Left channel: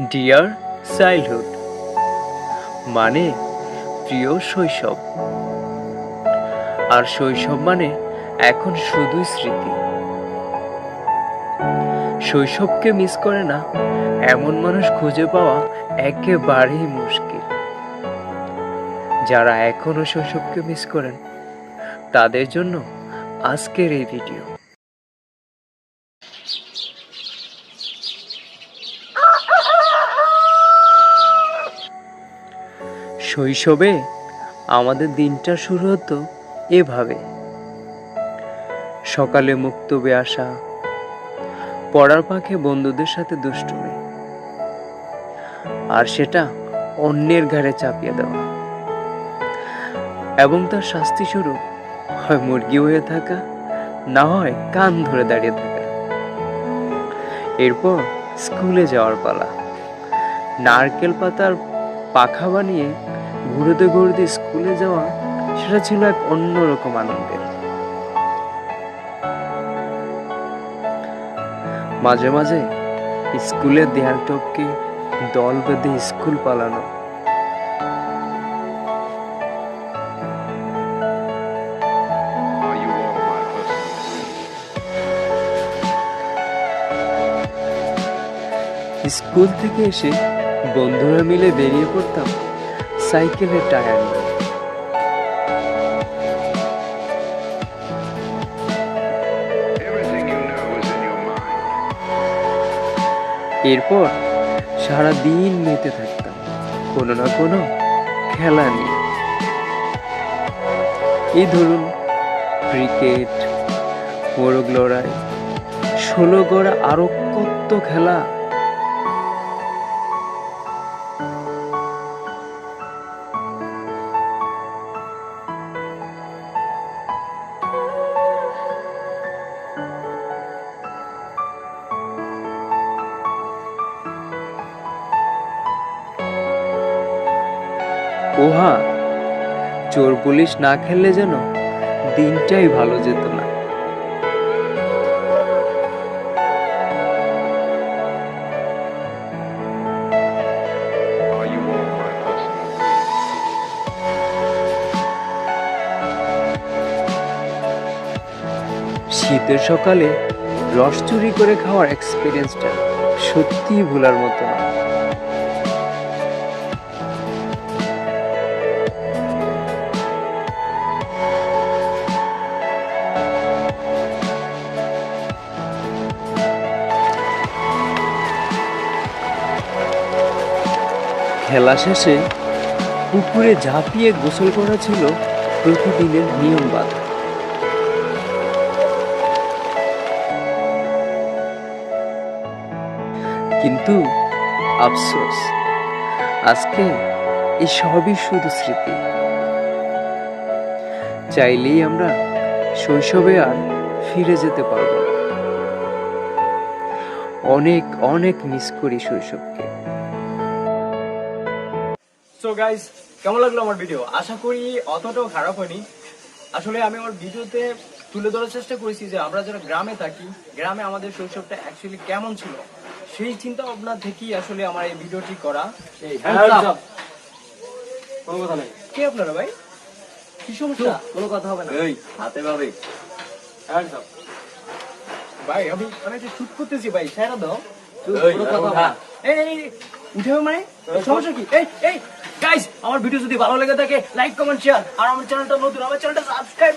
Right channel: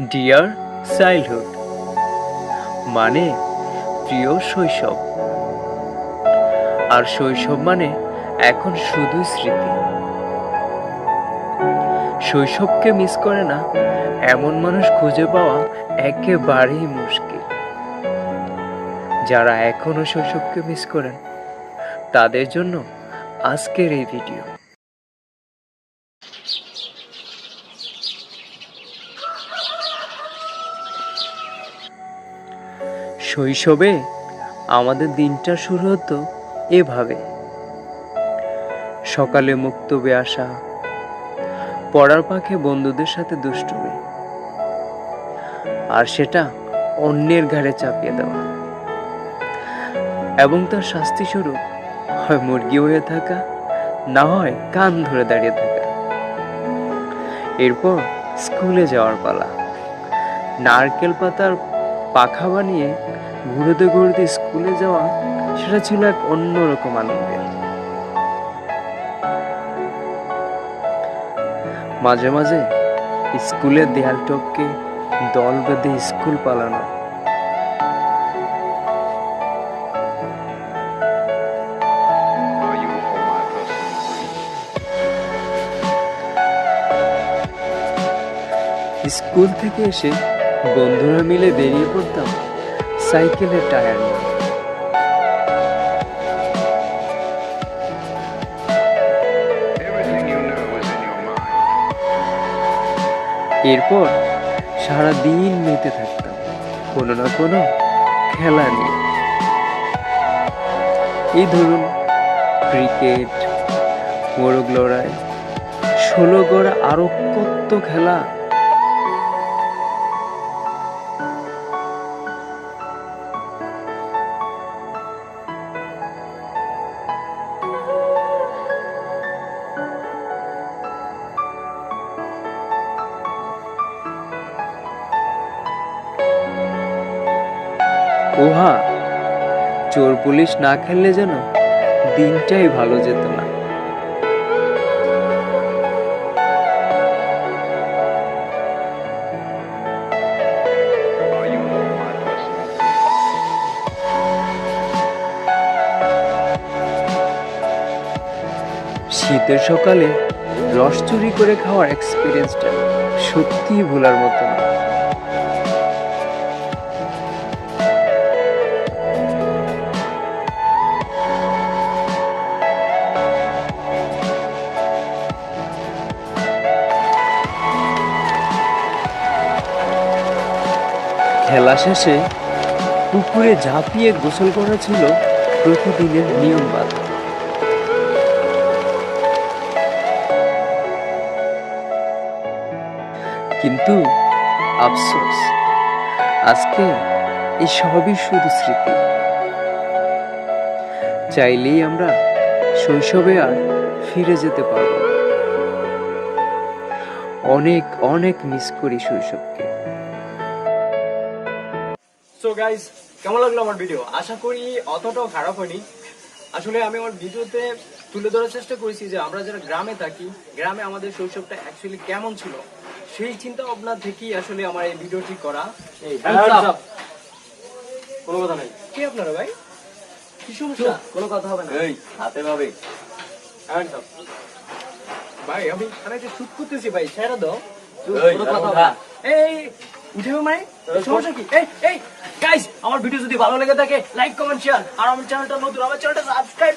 Deer childhood মানে প্রিয় শৈশব। আর শৈশব মানে এখন শুধুই স্মৃতি। শৈশবকে মিস করে না এমন মানুষ খুঁজে পাওয়া একেবারেই মুশকিল। যারা এখনো শৈশবকে মিস করেন তাদের জন্য আজকের এই ভিডিও। শৈশবে আমাদের দিনটা শুরু হতো এভাবে। সকালে মুক্তবে আসা, পড়ার ফাঁকে বন্ধুদের সাথে দুষ্টুমি, আর সেটা অন্যের ঘাড়ে চাপিয়ে দেওয়া, এবং তার শাস্তি স্বরূপ হয় মুরগি হয়ে থাকা, না হয় কান ধরে দাঁড়িয়ে থাকা। এরপর স্কুলে যাওয়ার পালা। নারকেল পাতার পাখা বানিয়ে ঘুরতে ঘুরতে স্কুলে যাওয়া, সেটা ছিল এক অন্যরকম আনন্দের। মাঝে মাঝে স্কুলের দেয়াল টপকে দল বেঁধে স্কুল পালানো, Are you all my personal dreams? School থেকে এসে বন্ধুরা মিলে বেরিয়ে পড়তাম সাইকেলের টায়ার নিয়ে। Everything you know is in your mind. এরপর সারা দিন মেতে থাকতাম কোনো না কোনো খেলা নিয়ে। এই ধরুন ক্রিকেট, মোরগ লড়াই, 16 গড়া, আরো কত খেলা। ওহা, চোর পুলিশ না খেললে যেন দিনটাই ভালো যেত না। Are you all my personal dreams? শীতের সকালে রস চুরি করে খাওয়ার এক্সপিরিয়েন্সটা সত্যিই ভোলার মতো না। খেলা শেষে পুকুরে ঝাঁপিয়ে গোসল করা ছিল প্রতিদিনের নিয়ম বাঁধা। কিন্তু আফসোস, আজকে এই সবই শুধু স্মৃতি। চাইলেই আমরা শৈশবে আর ফিরে যেতে পারবো না। অনেক অনেক মিস করি শৈশবকে। সো গাইস, কেমন লাগলো আমার ভিডিও? আশা করি অতটাও খারাপ হয়নি। আসলে আমি আমার ভিডিওতে তুলে ধরার চেষ্টা করেছি যে আমরা যারা গ্রামে থাকি, গ্রামে আমাদের শৈশবটা অ্যাকচুয়ালি কেমন ছিল, সেই চিন্তা ভাবনা থেকেই আসলে আমার এই ভিডিওটি করা। কোনো কথা নেই, কে আপনারা ভাই? কি সমস্যা? কোনো কথা হবে না। এই হাতে ভাবে ভাই, আমি একটা শুট করতেছি ভাই, ছেড়ে দাও। কোনো কথা হবে না। এই উঠে মানে সমস্যা কি? এই গাইস, আমার ভিডিও যদি ভালো লেগে থাকে লাইক কমেন্ট শেয়ার, আর আমার চ্যানেলটা নতুন, আমার চ্যানেলটা সাবস্ক্রাইব